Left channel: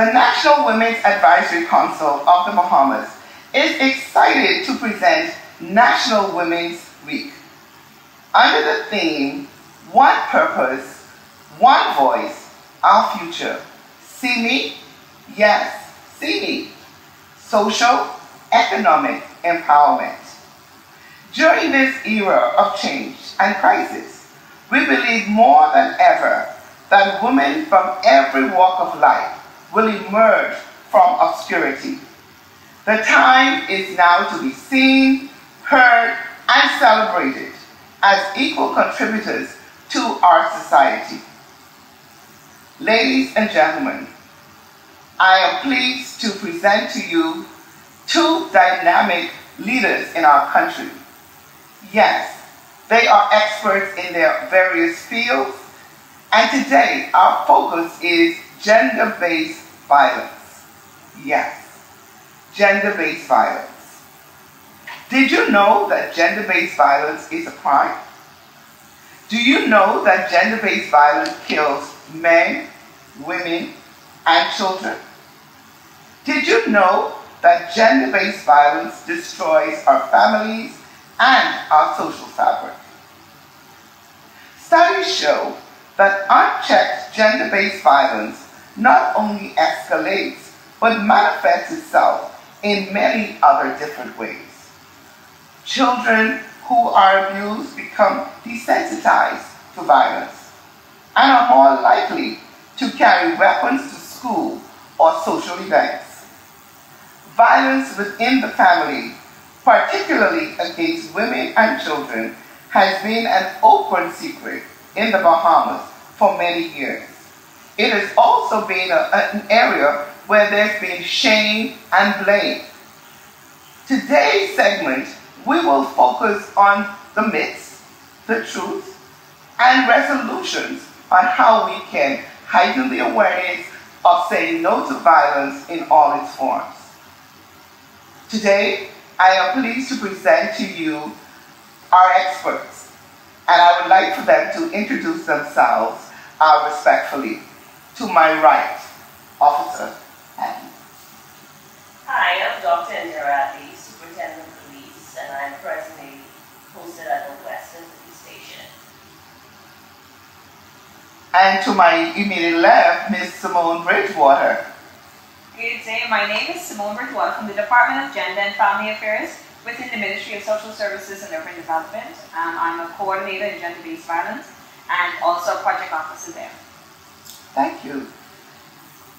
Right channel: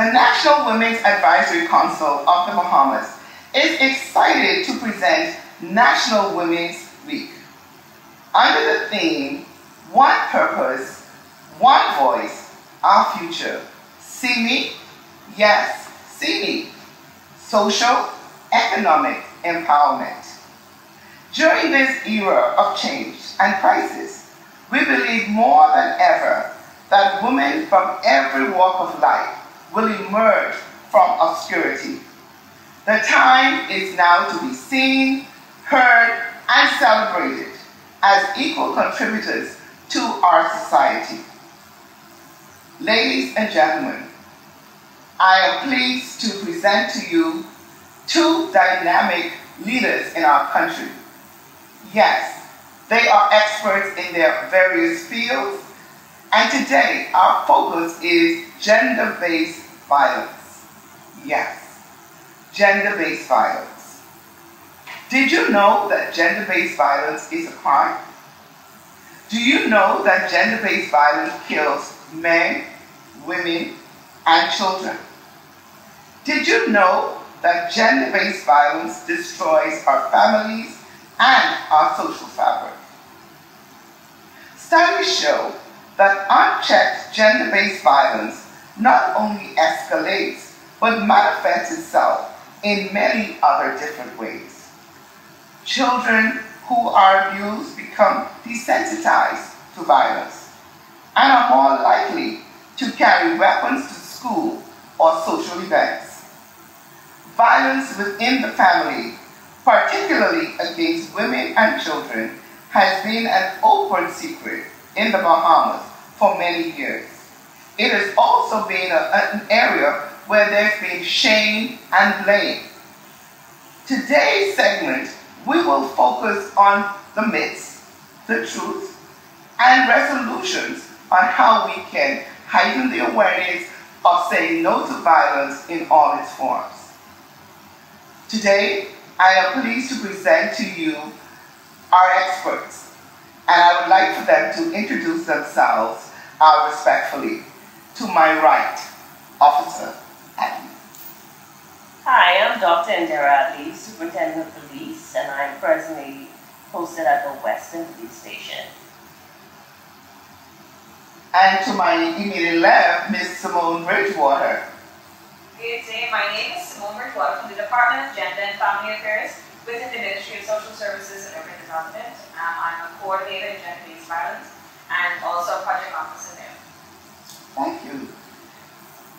The National Women's Advisory Council of the Bahamas is excited to present National Women's Week. Under the theme, One Purpose, One Voice, Our Future. See me? Yes, see me. Social, economic empowerment. During this era of change and crisis, we believe more than ever that women from every walk of life will emerge from obscurity. The time is now to be seen, heard, and celebrated as equal contributors to our society. Ladies and gentlemen, I am pleased to present to you two dynamic leaders in our country. Yes, they are experts in their various fields, and today our focus is gender-based violence. Yes, gender-based violence. Did you know that gender-based violence is a crime? Do you know that gender-based violence kills men, women, and children? Did you know that gender-based violence destroys our families and our social fabric? Studies show that unchecked gender-based violence not only escalates, but manifests itself in many other different ways. Children who are abused become desensitized to violence and are more likely to carry weapons to school or social events. Violence within the family, particularly against women and children, has been an open secret in the Bahamas for many years. It has also been an area where there's been shame and blame. Today's segment, we will focus on the myths, the truth, and resolutions on how we can heighten the awareness of saying no to violence in all its forms. Today, I am pleased to present to you our experts, and I would like for them to introduce themselves respectfully. To my right, Officer Adderley. Hi, I'm Dr. Indirah, Superintendent of Police, and I'm presently posted at the Western Police Station. And to my immediate left, Ms. Simone Bridgewater. Good day, my name is Simone Bridgewater from the Department of Gender and Family Affairs within the Ministry of Social Services and Urban Development. I'm a coordinator in gender-based violence and also project officer there. Thank you.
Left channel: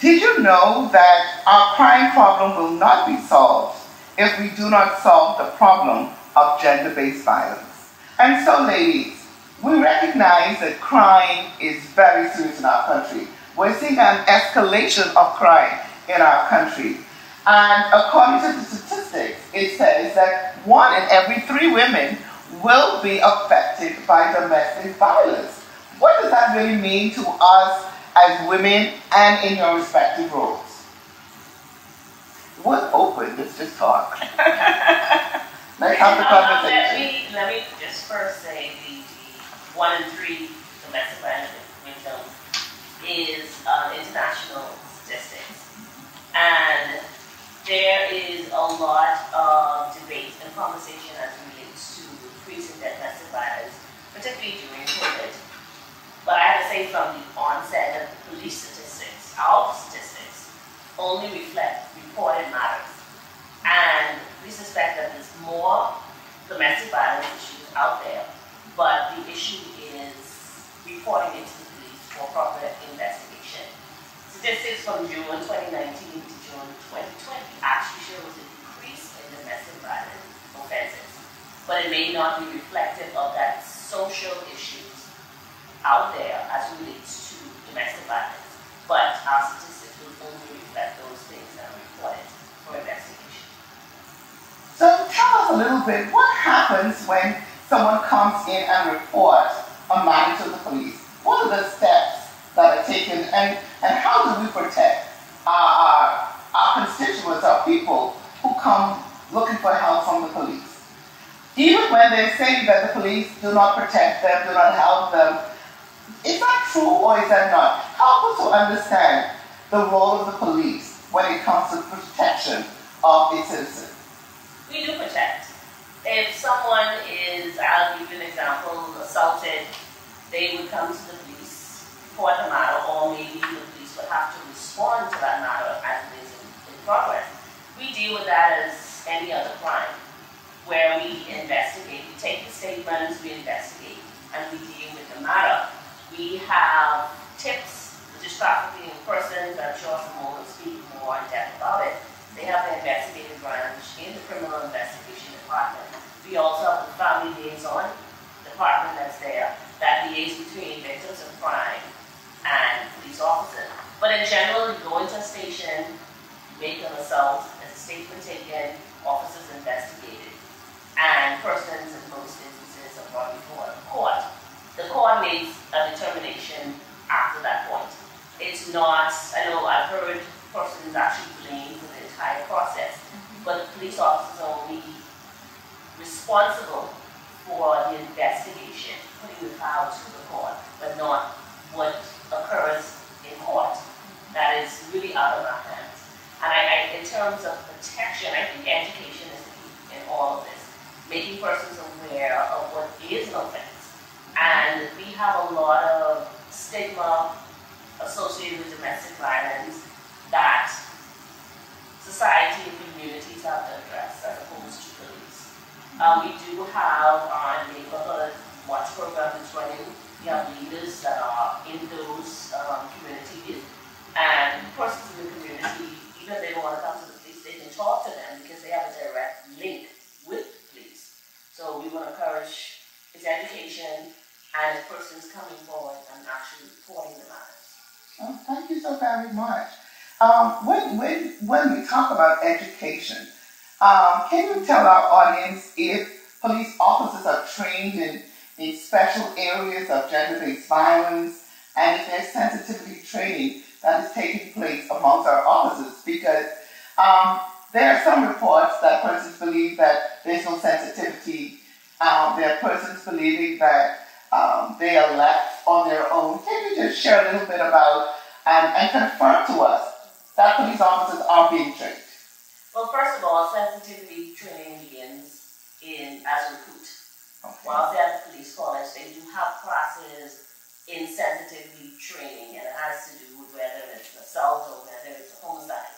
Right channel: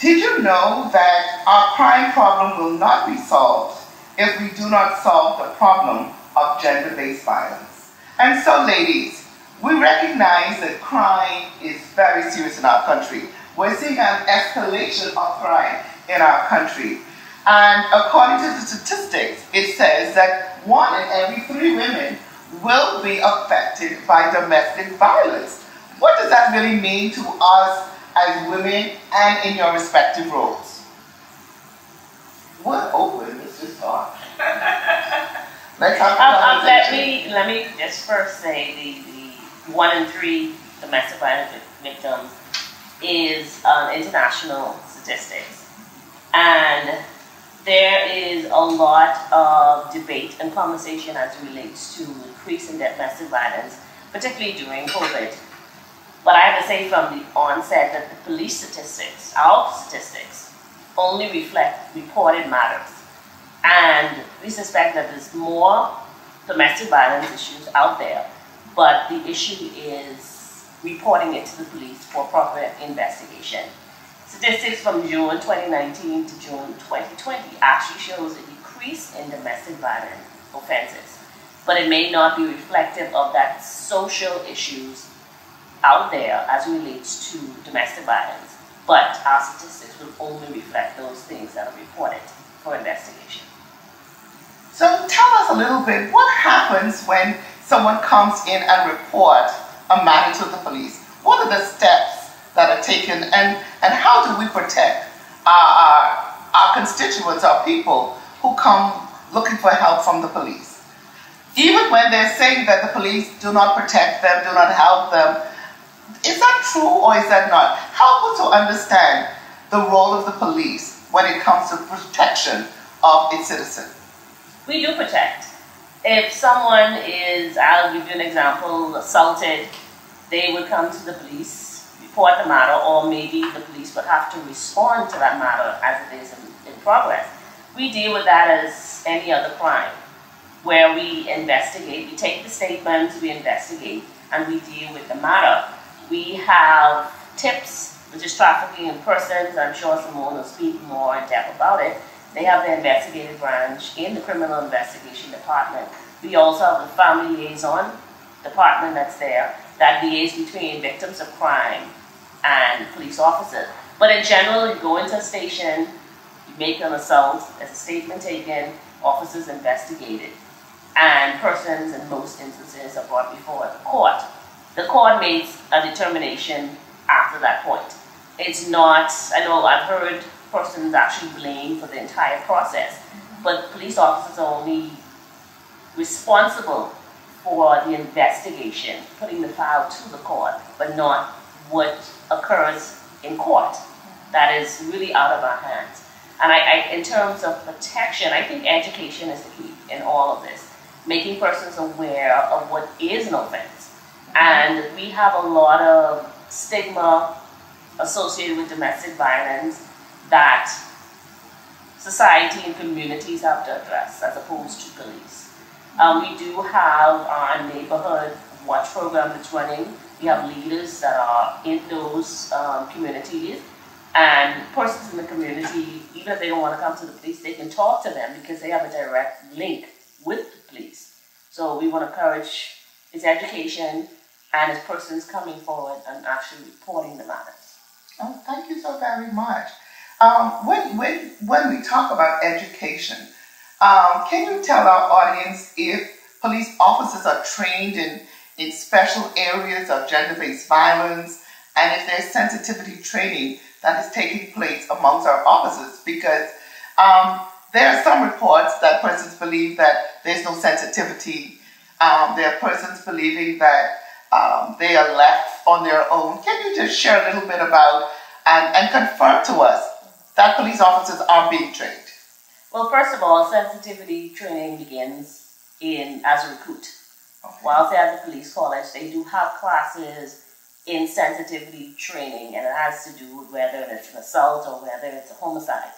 Did you know that our crime problem will not be solved if we do not solve the problem of gender-based violence? And so, ladies, we recognize that crime is very serious in our country. We're seeing an escalation of crime in our country. And according to the statistics, it says that 1 in every 3 women will be affected by domestic violence. What does that really mean to us as women and in your respective roles? We're open, let's just talk. Let's have the conversation. Let me just first say the 1 in 3 domestic violence victims is international statistics. And there is a lot of debate and conversation as it relates to increasing domestic violence, particularly during COVID. But I have to say from the onset that the police statistics, our statistics, only reflect reported matters. And we suspect that there's more domestic violence issues out there, but the issue is reporting it to the police for proper investigation. Statistics from June 2019 to June 2020 actually shows a decrease in domestic violence offenses, but it may not be reflective of that social issues out there as it relates to domestic violence, but our statistics will only reflect those things that are reported for investigation. So tell us a little bit, what happens when someone comes in and reports a matter to the police? What are the steps that are taken, and how do we protect our constituents, our people who come looking for help from the police? Even when they're saying that the police do not protect them, do not help them, is that true or is that not? Help us to understand the role of the police when it comes to protection of its citizens? We do protect. If someone is, I'll give you an example, assaulted, they would come to the police, report the matter, or maybe the police would have to respond to that matter as it is in progress. We deal with that as any other crime, where we investigate, we take the statements, we investigate, and we deal with the matter. We have TIPS, which is trafficking in persons. I'm sure Simone will speak more in depth about it. They have the investigative branch in the criminal investigation department. We also have the family liaison department that's there that liaises between victims of crime and police officers. But in general, you go into a station, you make an assault, there's a statement taken, officers investigated, and persons in most instances are brought before the court. The court makes a determination after that point. It's not, I know I've heard persons actually blamed for the entire process, but police officers are only responsible for the investigation, putting the file to the court, but not what occurs in court. That is really out of our hands. And in terms of protection, I think education is the key in all of this, making persons aware of what is an offense. And we have a lot of stigma associated with domestic violence that society and communities have to address as opposed to police. We do have our neighborhood watch program that's running. We have leaders that are in those communities, and persons in the community, even if they don't want to come to the police, they can talk to them because they have a direct link with the police. So we want to encourage its education and its persons coming forward and actually reporting the matters. Oh, thank you so very much. When we talk about education, can you tell our audience if police officers are trained in special areas of gender-based violence, and if there's sensitivity training that is taking place amongst our officers? Because there are some reports that persons believe that there's no sensitivity. There are persons believing that they are left on their own. Can you just share a little bit about and confirm to us that police officers are being trained? Well, first of all, sensitivity training begins as a recruit. Okay. While they're at the police college, they do have classes in sensitivity training, and it has to do with whether it's an assault or whether it's a homicide.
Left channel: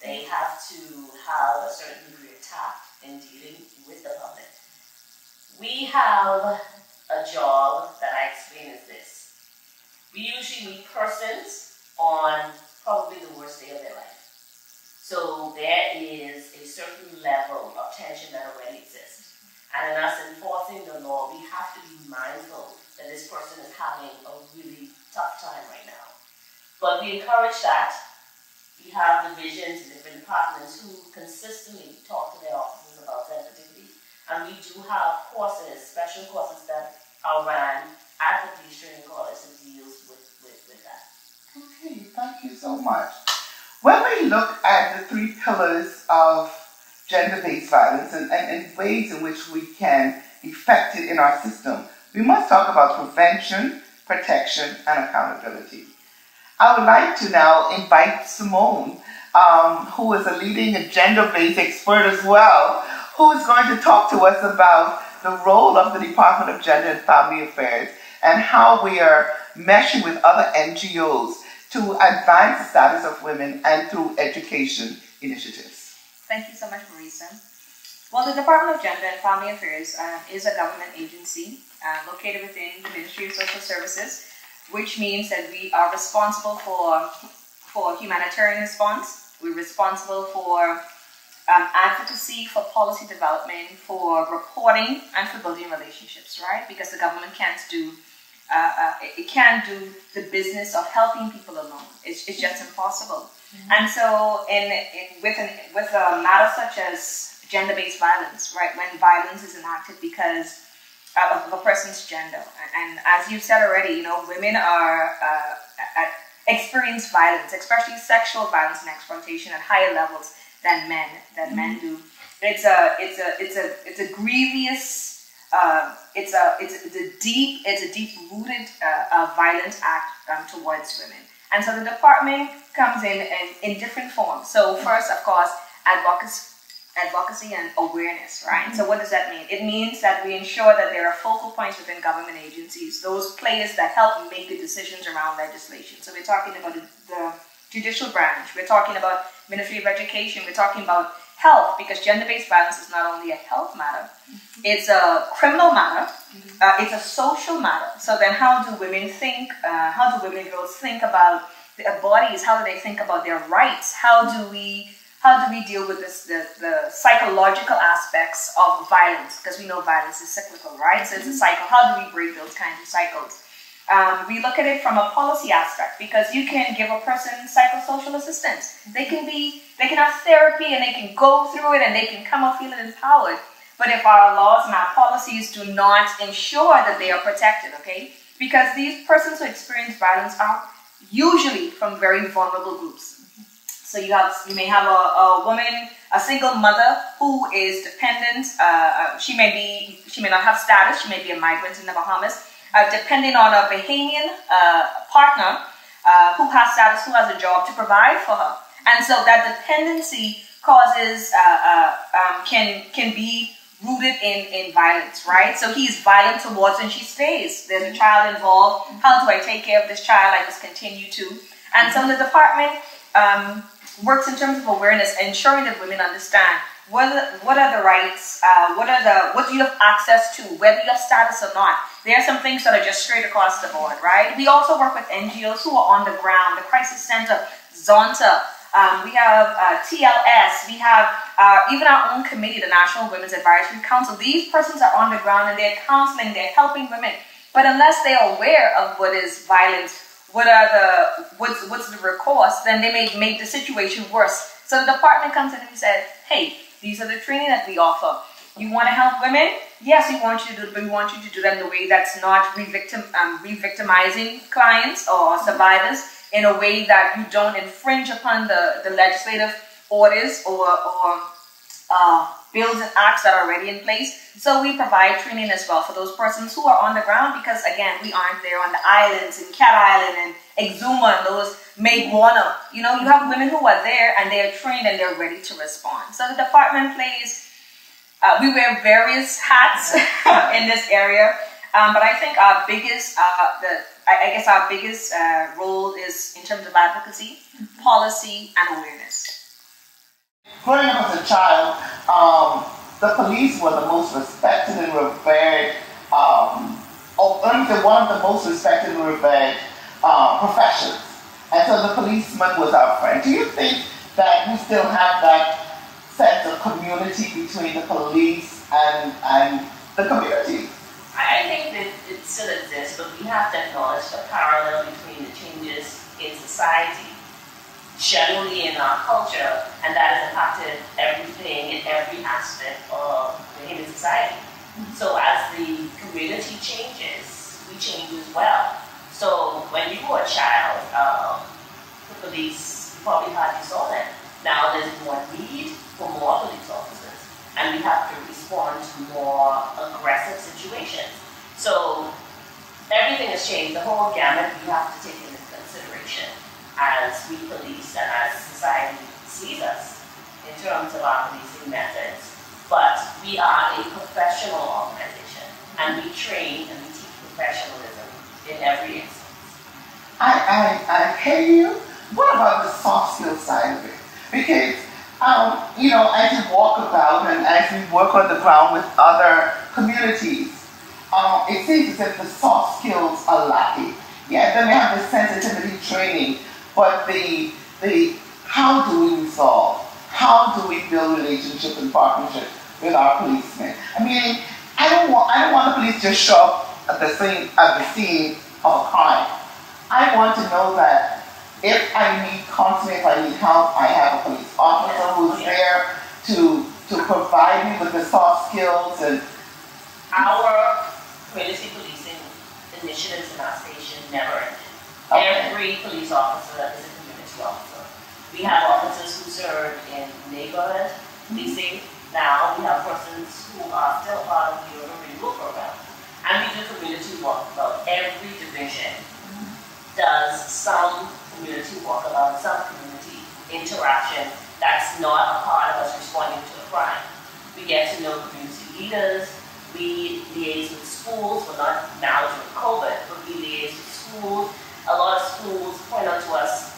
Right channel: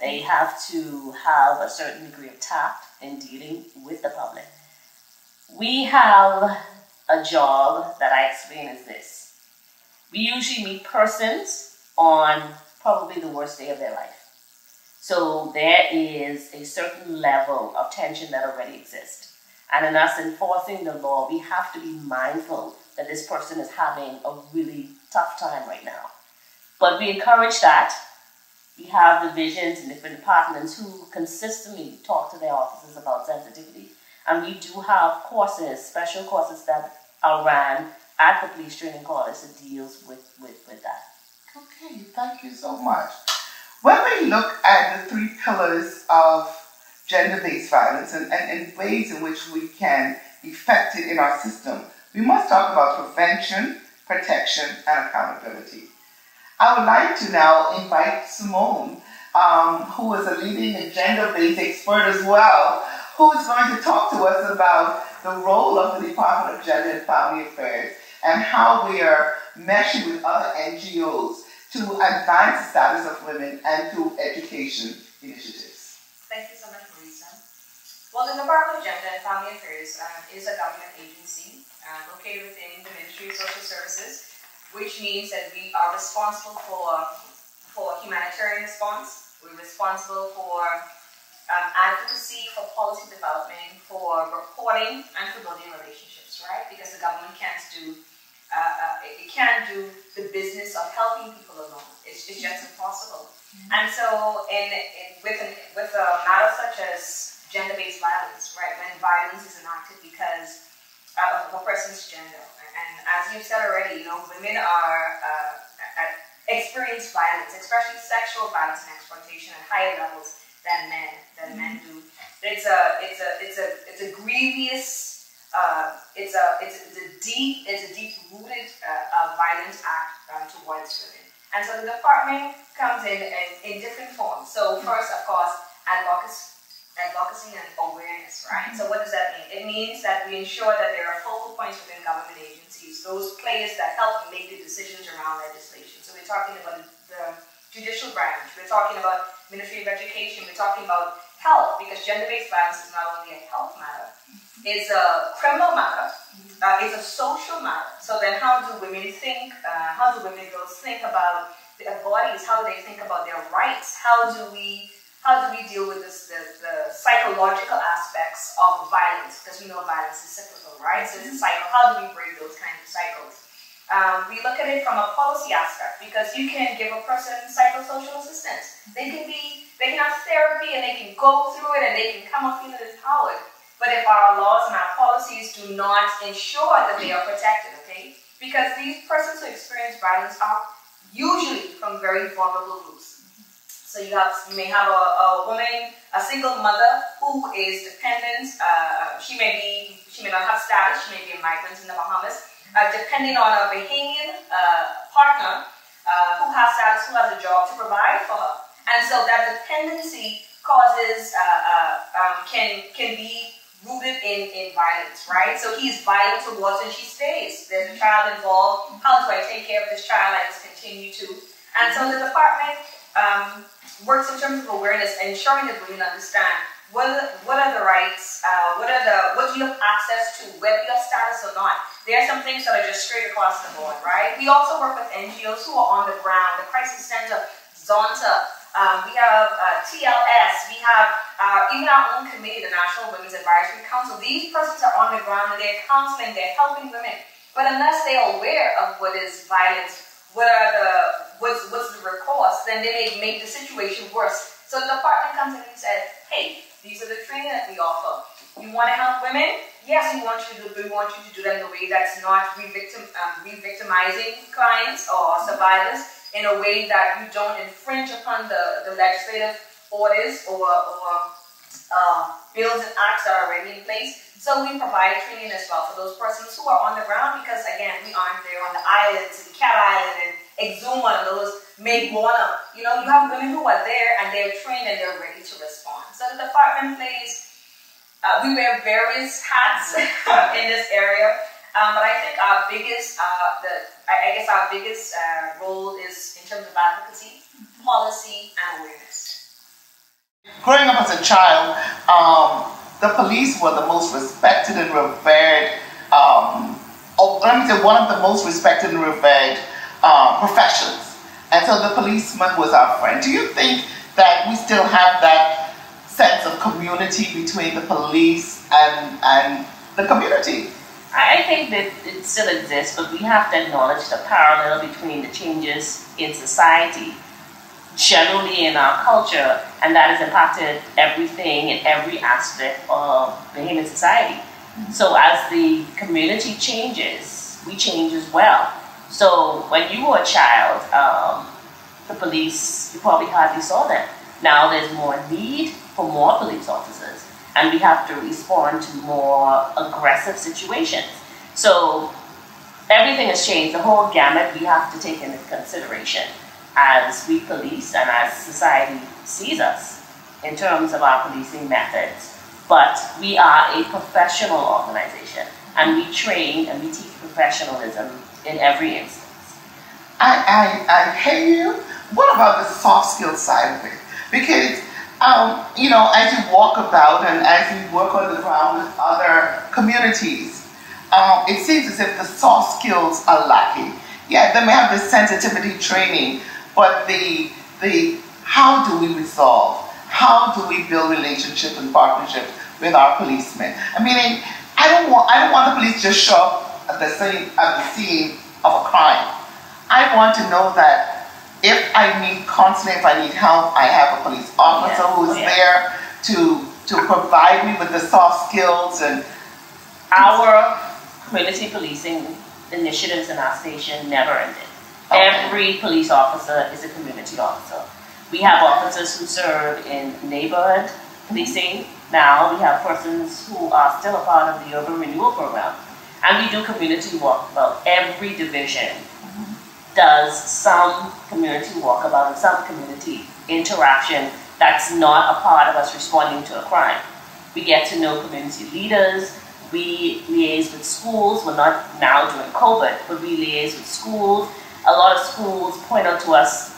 They have to have a certain degree of tact in dealing with the public. We have a job that I explain as this. We usually meet persons on probably the worst day of their life. So there is a certain level of tension that already exists. And in us enforcing the law, we have to be mindful that this person is having a really tough time right now. But we encourage that. We have divisions in different departments who consistently talk to their officers about sensitivity. And we do have courses, special courses that are ran at the police training college that deals with that. Okay, thank you so much. When we look at the 3 pillars of gender-based violence and ways in which we can effect it in our system, we must talk about prevention, protection, and accountability. I would like to now invite Simone, who is a leading and gender-based expert as well, who is going to talk to us about the role of the Department of Gender and Family Affairs and how we are meshing with other NGOs to advance the status of women and through education initiatives. Thank you so much, Marisa. Well, the Department of Gender and Family Affairs is a government agency located within the Ministry of Social Services, which means that we are responsible for humanitarian response. We're responsible for advocacy, for policy development, for reporting, and for building relationships, right? Because the government can't do the business of helping people alone. It's just impossible. Mm-hmm. And so, with a matter such as gender-based violence, right? When violence is enacted because of a person's gender, and as you've said already, women are experience violence, especially sexual violence and exploitation at higher levels than men do. It's a grievous, it's a deep-rooted violent act towards women. And so the department comes in different forms. So first, of course, advocacy and awareness, right? So what does that mean? It means that we ensure that there are focal points within government agencies, those players that help make the decisions around legislation. So we're talking about the judicial branch, we're talking about Ministry of Education, we're talking about health, because gender-based violence is not only a health matter, it's a criminal matter, it's a social matter. So then how do women think, how do women and girls think about their bodies, how do they think about their rights, how do we deal with the psychological aspects of violence, because we know violence is cyclical, right? So it's a cycle. How do we break those kinds of cycles? We look at it from a policy aspect, because you can give a person psychosocial assistance. They can have therapy and they can go through it and they can come out feeling empowered. But if our laws and our policies do not ensure that they are protected, okay? Because these persons who experience violence are usually from very vulnerable groups. So you may have a woman, a single mother who is dependent. She may not have status. She may be a migrant in the Bahamas, depending on a Bahamian partner who has status, who has a job to provide for her. And so that dependency causes can be rooted in violence, right? So he's violent towards her and she stays. There's a child involved. How do I take care of this child? I just continue to. And so the department works in terms of awareness, ensuring that women understand what are the rights, what do you have access to, whether you have status or not. There are some things that are just straight across the board, right? We also work with NGOs who are on the ground, the Crisis Center, Zonta, we have TLS, we have even our own committee, the National Women's Advisory Council. These persons are on the ground and they're counseling, they're helping women. But unless they're aware of what is violence, what's the recourse, then they may make the situation worse. So the department comes in and says, hey, these are the training that we offer. You want to help women? Yes, we want you to do that in a way that's not re-victimizing clients or survivors, in a way that you don't infringe upon the legislative orders or bills and acts that are already in place. So we provide training as well for those persons who are on the ground, because again, we aren't there on the islands, in Cat Island and Exuma and those Make Warner. You know, you have women who are there and they are trained and they're ready to respond. So the department plays, we wear various hats in this area, but I think our biggest, our biggest role is in terms of advocacy, policy, and awareness. Growing up as a child, the police were the most respected and revered, one of the most respected and revered professions. And so the policeman was our friend. Do you think that we still have that sense of community between the police and the community? I think that it still exists, but we have to acknowledge the parallel between the changes in society, generally in our culture, and that has impacted everything and every aspect of the human society. So as the community changes, we change as well. So when you were a child, the police, you probably hardly saw them. Now there's more need for more police officers, and we have to respond to more aggressive situations. So everything has changed. The whole gamut we have to take into consideration as we police and as society sees us in terms of our policing methods. But we are a professional organization, and we train and we teach professionalism in every instance. I hear you. What about the soft skill side of it? Because, as you walk about and as you work on the ground with other communities, it seems as if the soft skills are lacking. Yeah, they may have the sensitivity training, but the how do we resolve? How do we build relationship and partnership with our policemen? I mean, I don't want the police to just show up at the scene of a crime. I want to know that if I need counseling, if I need help, I have a police officer who's there to provide me with the soft skills. And our community policing initiatives in our station never ended. Okay. Every police officer is a community officer. We have officers who serve in neighborhood policing. Now we have persons who are still a part of the urban renewal program. And we do community work about every division does some community walkabout, some community interaction that's not a part of us responding to a crime. We get to know community leaders, we liaise with schools, well not now during COVID, but we liaise with schools. A lot of schools point out to us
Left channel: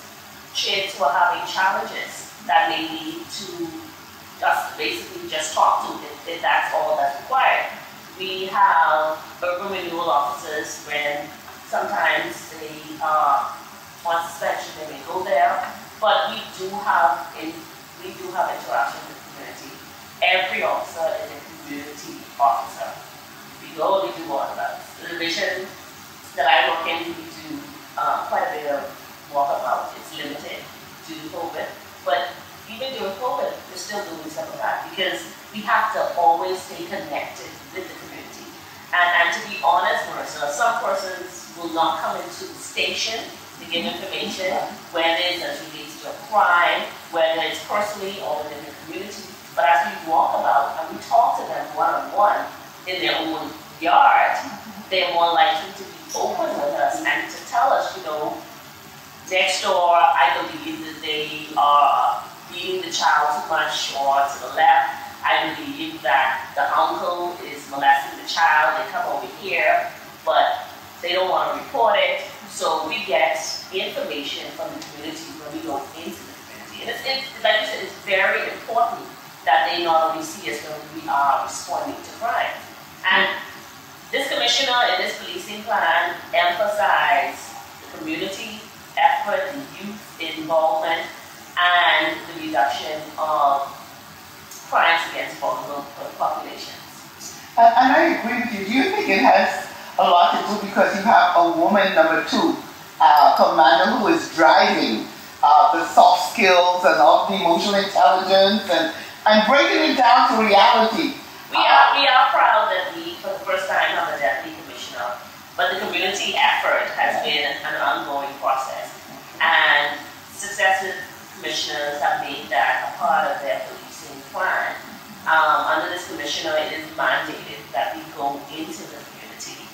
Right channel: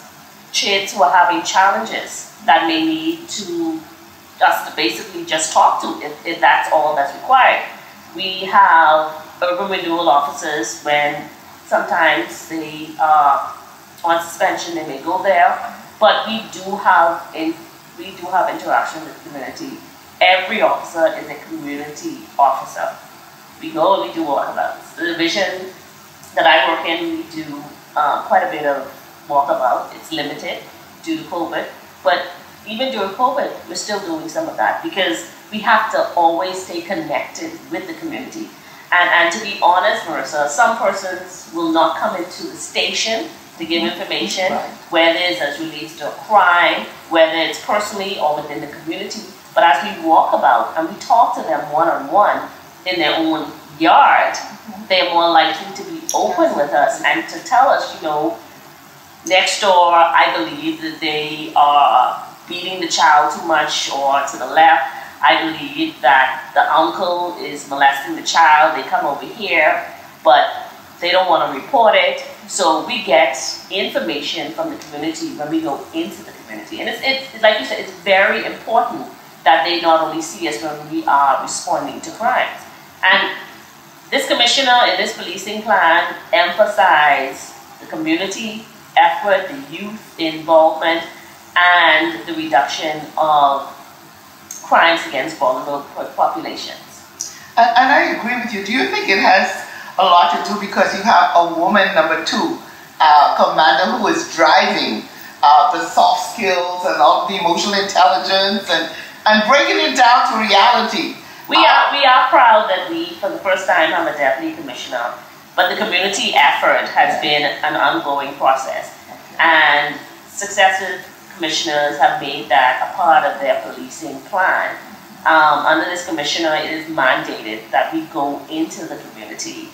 kids who are having challenges that may need to us to basically just talk to if that's all that's required. We have urban renewal officers when sometimes they are on suspension, they may go there, but we do have interaction with the community. Every officer is a community officer. We do all of that. The division that I work in, we do quite a bit of walkabout. It's limited due to COVID, but even during COVID, we're still doing some of that because we have to always stay connected with the community. And to be honest, Marisa, some persons will not come into the station to give information, whether it's as relates to a crime, whether it's personally or within the community. But as we walk about and we talk to them one-on-one in their own yard, they're more likely to be open with us and to tell us, you know, next door, I believe that they are beating the child too much, or to the left, I believe that the uncle is molesting the child. They come over here, but they don't want to report it. So we get information from the community when we go into the community. And it's like you said, it's very important that they not only see us when we are responding to crime. And this commissioner and this policing plan emphasize the community effort, the youth involvement, and the reduction of crimes against vulnerable populations. And I agree with you. Do you think it has a lot to do because you have a woman, number 2, commander, who is driving the soft skills and all the emotional intelligence and breaking it down to reality? We are proud that we, for the first time, I'm a deputy commissioner, but the community effort has been an ongoing process. And successive commissioners have made that a part of their policing plan. Under this commissioner, it is mandated that we go into the community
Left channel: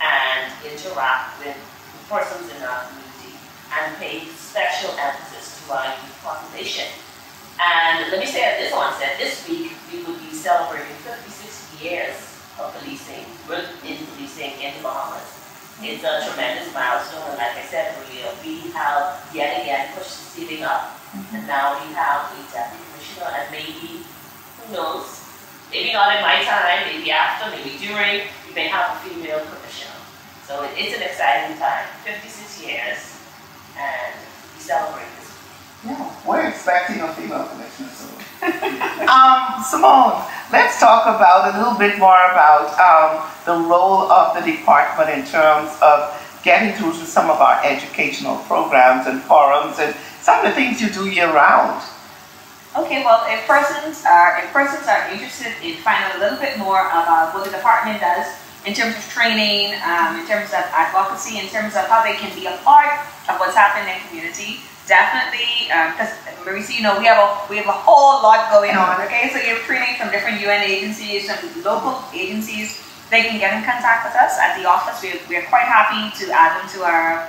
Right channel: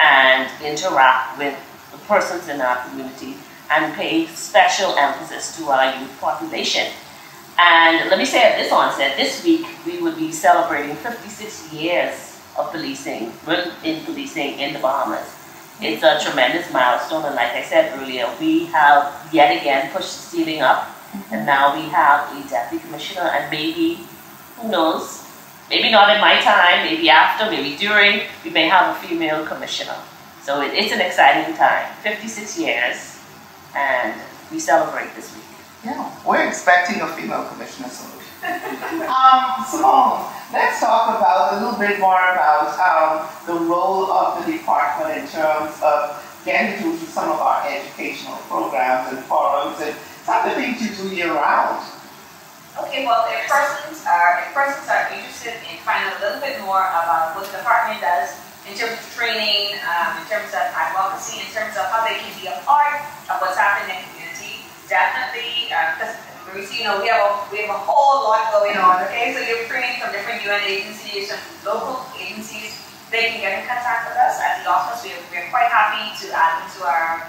and interact with the persons in our community and pay special emphasis to our youth population. And let me say at this onset, this week we will be celebrating 56 years of policing, in policing in the Bahamas. It's a tremendous milestone, and like I said earlier, we have yet again pushed the ceiling up, and now we have a deputy commissioner, and maybe, who knows, maybe not in my time, maybe after, maybe during, we may have a female commissioner. So it's an exciting time, 56 years, and we celebrate this week. Yeah, we're expecting a female commissioner soon. Simone, let's talk about a little bit more about the role of the department in terms of getting through to some of our educational programs and forums and some of the things you do year-round. Okay, well, if persons are interested in finding a little bit more about what the department does in terms of training, in terms of advocacy, in terms of how they can be a part of what's happening in the community, definitely, because Marisa, you know, we have a whole lot going on. Okay, so you're training from different UN agencies and local agencies. They can get in contact with us at the office. We're quite happy to add them to our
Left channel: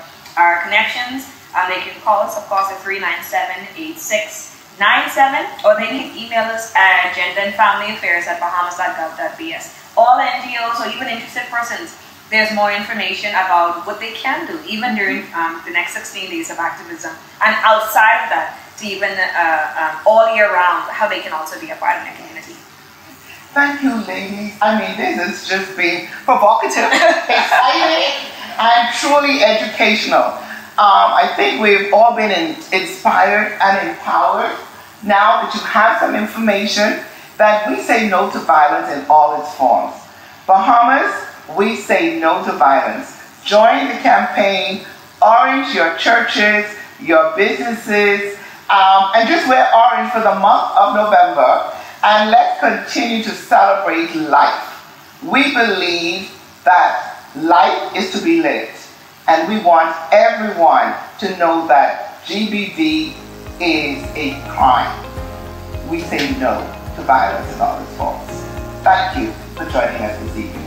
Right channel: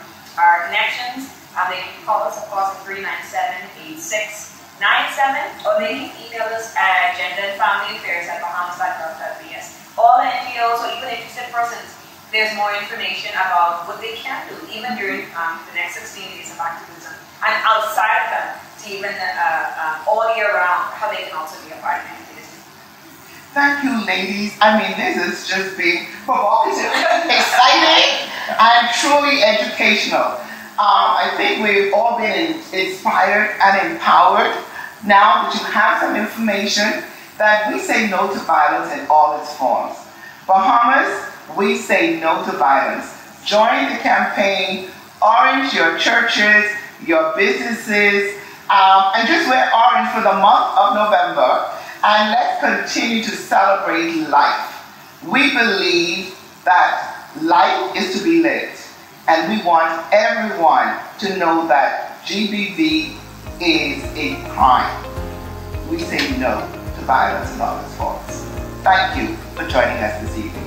connections. They can call us, of course, at 397-8697, or they can email us at genderandfamilyaffairs@bahamas.gov.bs. All NGOs or even interested persons, there's more information about what they can do, even during the next 16 days of activism. And outside of that, to even all year round, how they can also be a part of the community. Thank you, ladies. I mean, this has just been provocative, exciting, and truly educational. I think we've all been inspired and empowered now that you have some information that we say no to violence in all its forms. Bahamas, we say no to violence. Join the campaign, orange your churches, your businesses, and just wear orange for the month of November, and let's continue to celebrate life. We believe that life is to be lived, and we want everyone to know that GBV is a crime. We say no to violence in all its forms. Thank you for joining us this evening.